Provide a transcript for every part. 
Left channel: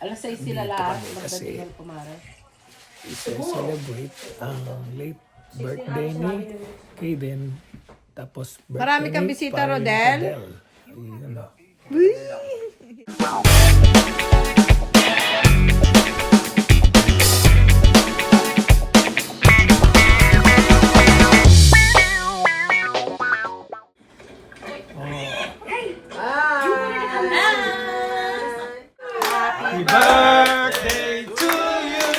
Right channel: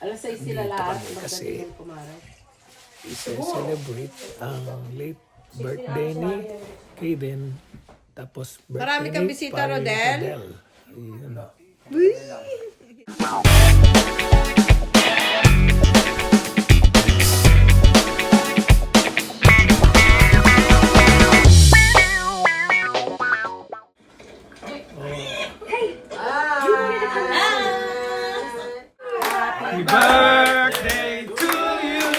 Alas 6 sila lahat. Kasi i-celebrate ang late birthday ni Kaden. Tapos Marami birthday kang ni bisita, paring Rodel? Adel. Ayun o. Happy birthday to you.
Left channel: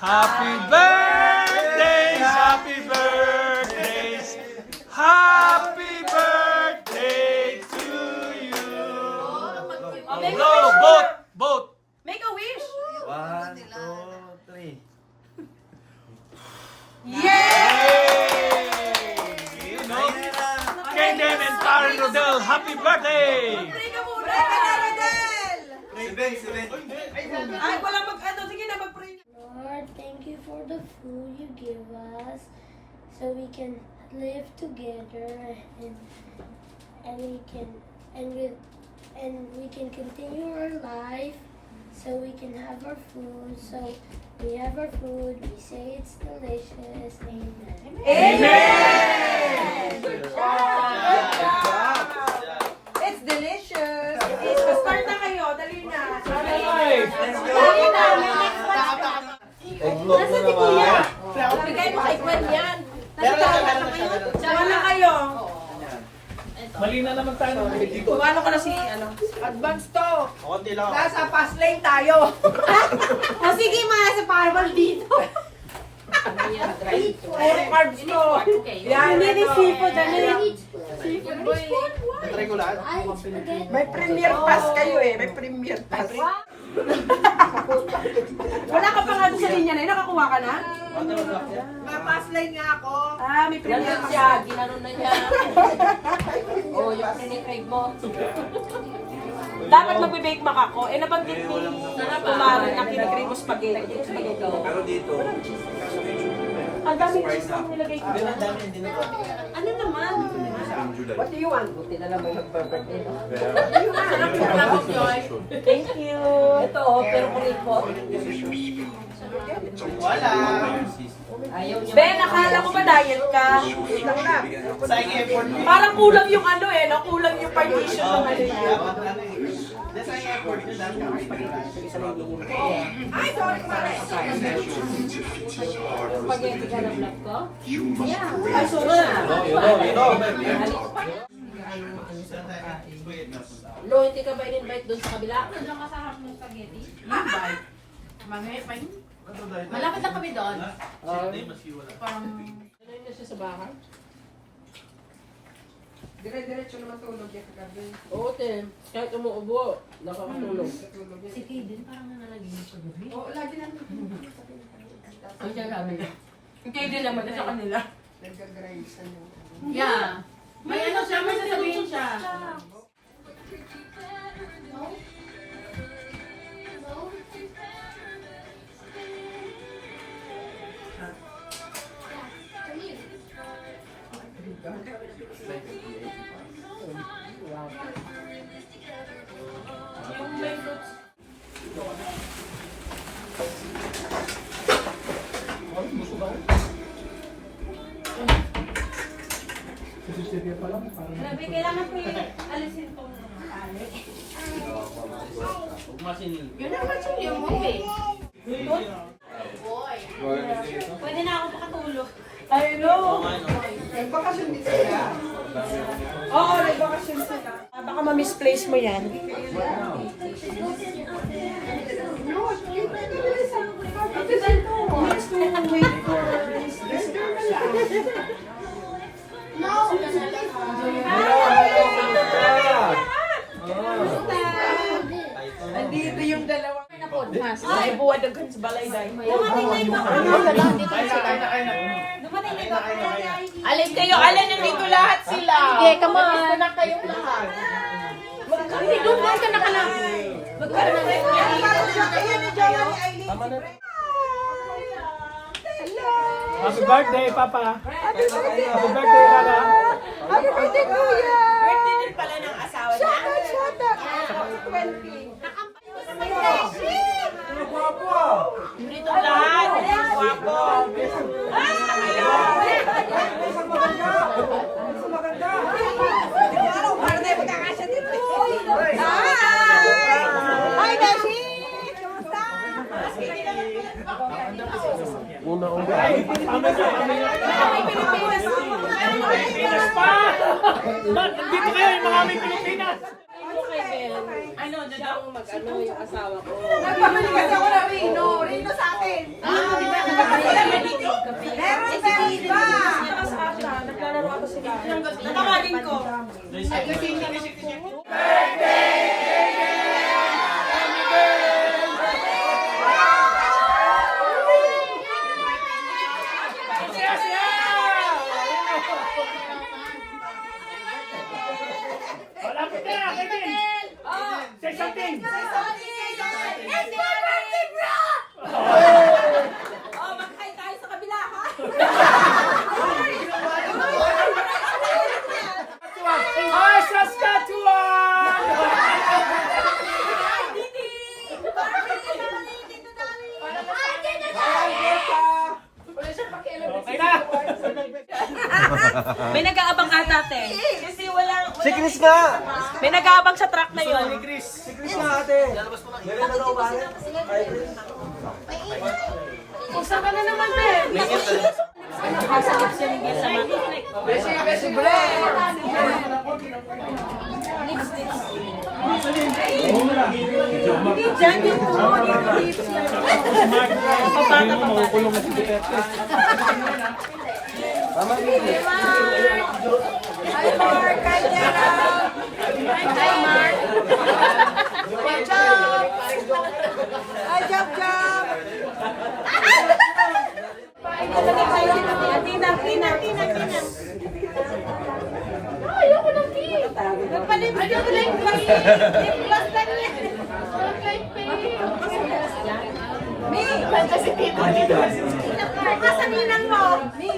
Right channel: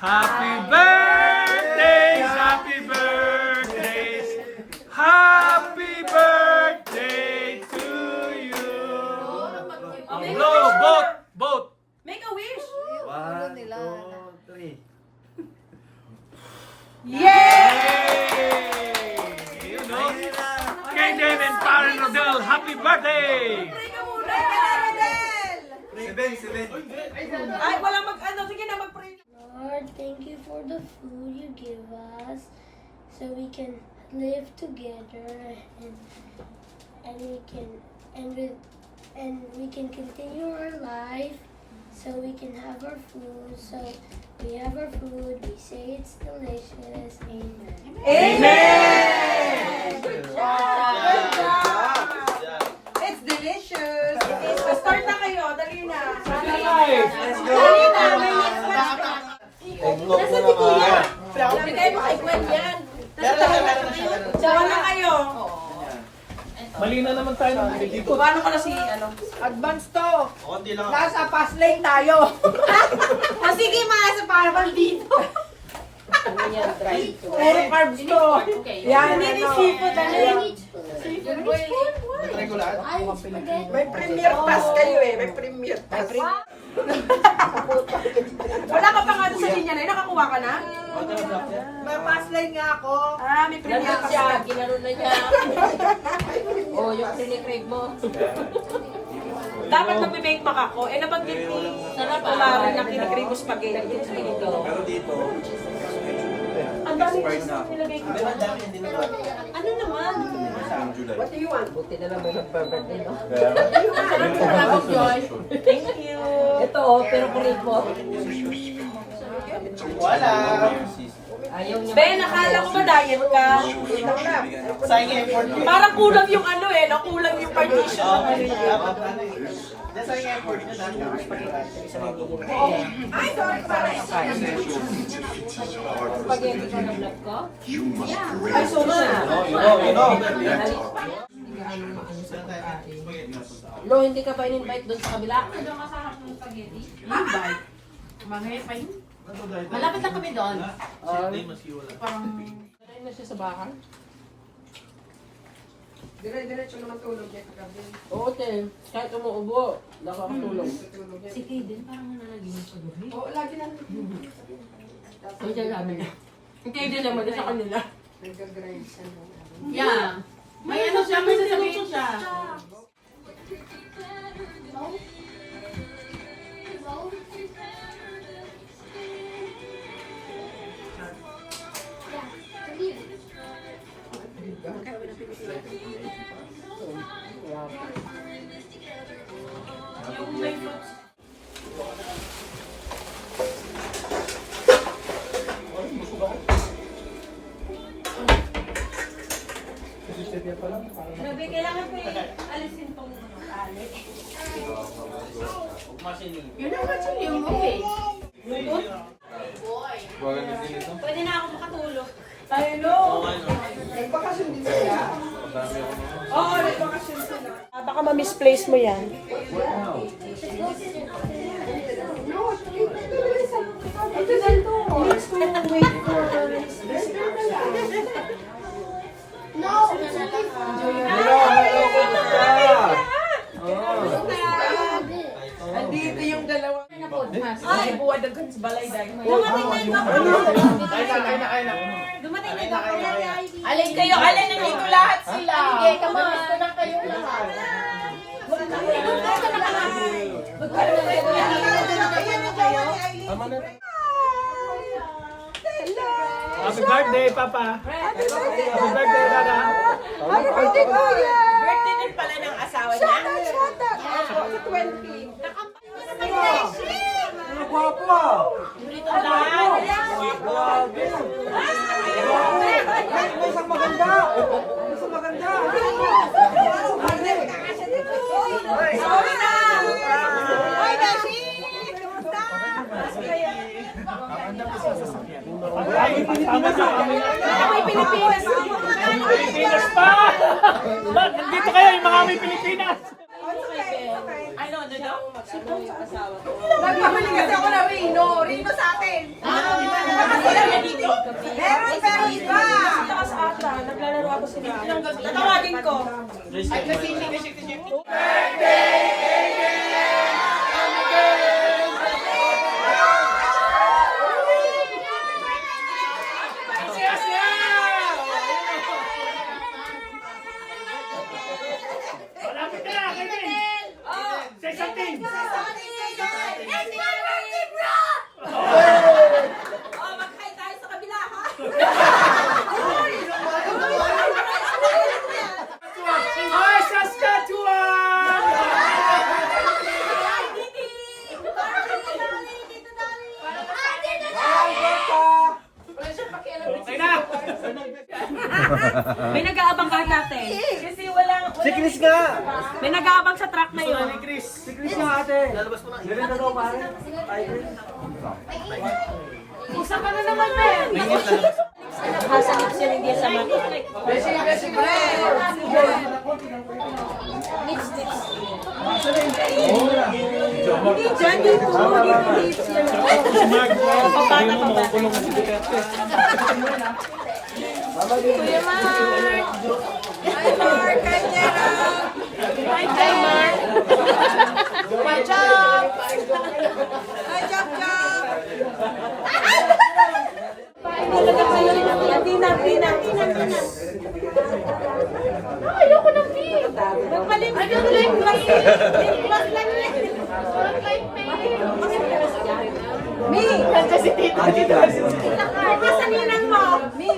Happy birthdays, happy birthdays. Happy birthday to you. Blow, boat. Make a wish! 1, 2, 3. Kaden and Paring Rodel, happy birthday! Pray ka muna! 7. Ay, wala mag-ano. Sige na, mag-pray. Lord, thank you for the food you give us so we can live together and we can continue our life so we can have our food. So we have our food, we say it's delicious. Amen. It's delicious. Start na kayo. Dali na. Nasaan si Kuya? Bigay mo kay Gwen yan. Sama na kayo. Mali na naman tayo ng dito. Kumano ko na si advance to. Konti lang. Nasa fast lane tayo. O sige mga sa parabal dito. Puro carbs to. Yan, hindi seafood. Seafood boy. Regular. May premier pass kayo eh. May premier pass. Wala ka pa nga doon sa linya na yun. Nakakuha ka na? May pass line nga ako. Ah, may premier pass siya. Ginano na niya. Oh, yung crave mo. Dapat magbe-bake mac ako. Eh, nabanggit ni Kumari na kinikrave mo spaghetti. Pero dito, Ang dami ko sa nilagay ko. Ano naman? What do you want? Buti na lang may nagpa-birthday, no? Thank you. Ito, oh, pero kuripot. wala. Ayaw niya. Ben, nakala ko ba diet ka? Sayang effort. Parang kulang yung ano eh. Nakulang yung partition. Sayang effort niya dahil Ay, sorry, Kumari. Spaghetti ka ng vlog ko? Ay, sorry. Bro, hindi ka ba in-invite doon sa kabila? Malapit lang kami doon. Sanay na siya sa bahay. Dire-diretso naman tulog eh kagabi. Oo, Ten. Kahit umuubo, nakakatulog. Si Kaden parang nalagyan sa gabi. Oo, lagi na. Ang siya sabi niya. Hindi din naman sa kanila. Nag-grace. Yeah. May ano siya, may sasabihin siya. Sabi, kailangan ko yung alisin tong tali. Yun ang kasi yung mo eh. Pwede na ako makatulog. Ay, no. Nagbakasyon din sila. Oo, nagbakasyon sila. Baka ma-misplace mo yan. Ito ganito. Andito yung dalawa. Ay, buwan ng sa balay dahil. Dumating na yung Dumating na yung Alin kayo, alin nandito lahat sila. Okay, kamamusta na kayo. Hindi, doon ka nakalang. Happy birthday, Papa! Happy birthday, Dada! Happy birthday, Kuya! Birthday din pala ng asawa niya. Shout out! 20. Pilipinas pa! Dito kayo yung mga may Pilipinas! Ano, dito? Nagpamali kasi ako na Rino. Rino sa atin. Meron sa Riva. Naglalaro ako sila. Tatawagin ko. Malapit na! Kevin! Say something! Mag-hi tayo sa kabila, ha? Hi, Saskatchewan! Okay na! May nag-aabang ka tate. Kasi walang... Si Chris nga! May nag-aabang sa truck na yun. Si Chris nga ate! Lalabas ko lang. Usa ka na naman, Ben. Nasa lips yun, hindi sa mata. Si Mark, sabi mo, makukulong na si Duterte. Ayoko ng pink. Nagpalimit yung lip gloss. Lip gloss lang yan. Mi! Kansa si Tito. Sa ninang mo. Mi.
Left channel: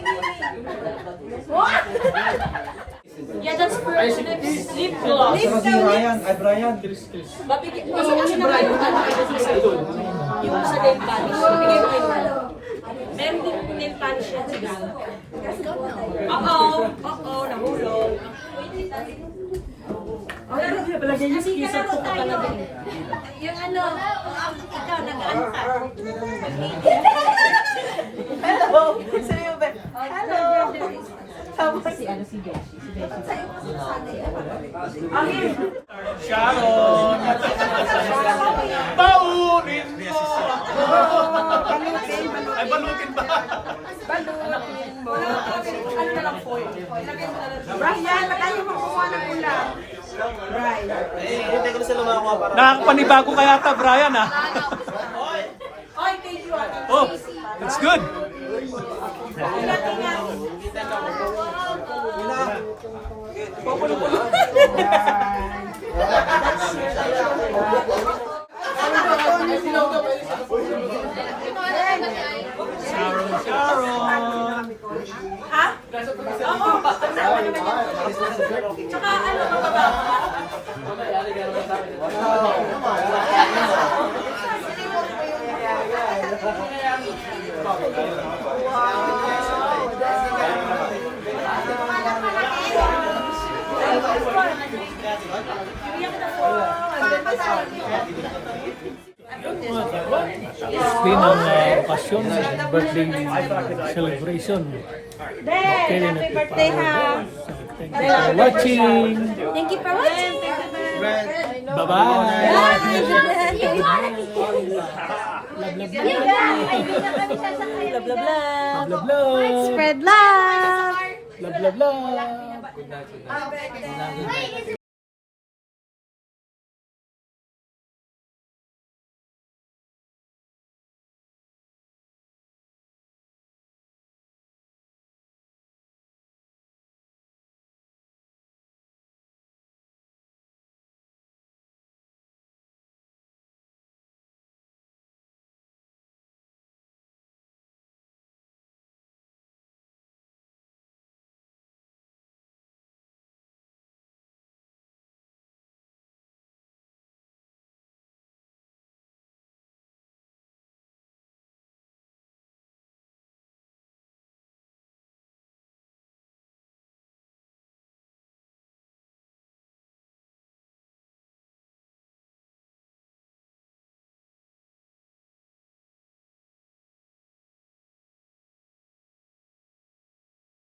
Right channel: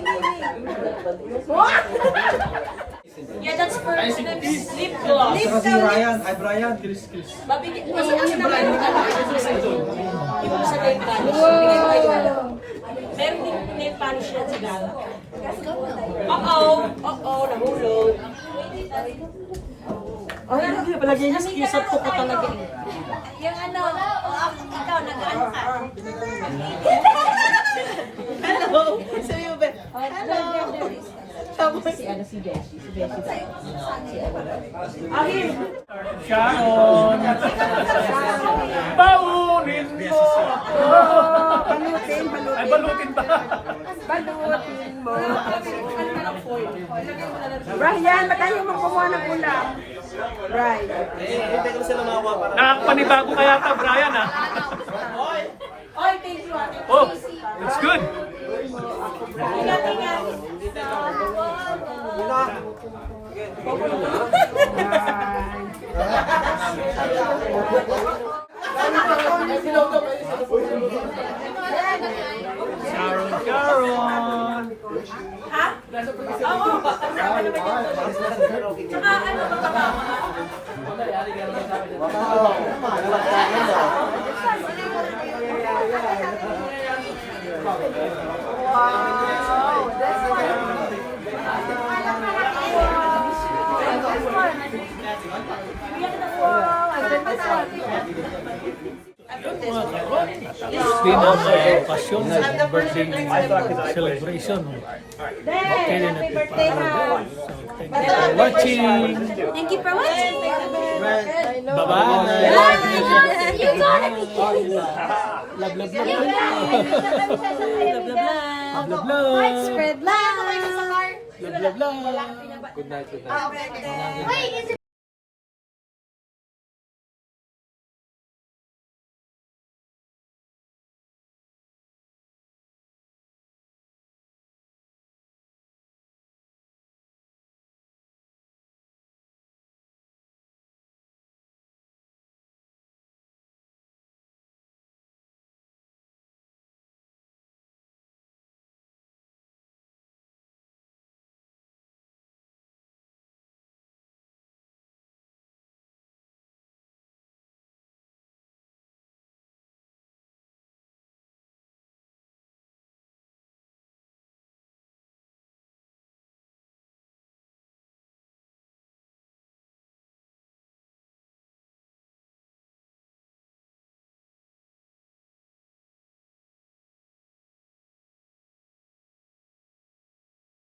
Yeah, that's for lip gloss. Ito si Ryan. Ay, Brian. Basta kasi naman yung ibang sa nail polish. Bigay ko kayo. Meron din nail polish yan sa dala. Oo, nahulog. Ay, palagi niya skisat ko pa talaga. Yung ano, ikaw nag-ano ka? Hello! Sabi mo ba? Hello! Sharon! Baunin mo ako! Balutin. Ay, balutin ba? Balutin mo. Ano na lang foil? Brian, matayo mo kumuha ng ulam. Brian. Hindi ko na sila makakuha para... Nakakapanibago kaya ta, Brian, ah. Oy, thank you. Oh, that's good. Sharon! Ha? Oo. Tsaka ano ba ba? Yun mga karon, natapos din ang pasyon sa birthday celebration. Okay rin at iparo. So thank you for watching. Thank you for watching. Bye-bye. Love, Love, love, love. love, love. Love, love, love. Spread love. Love, love, love.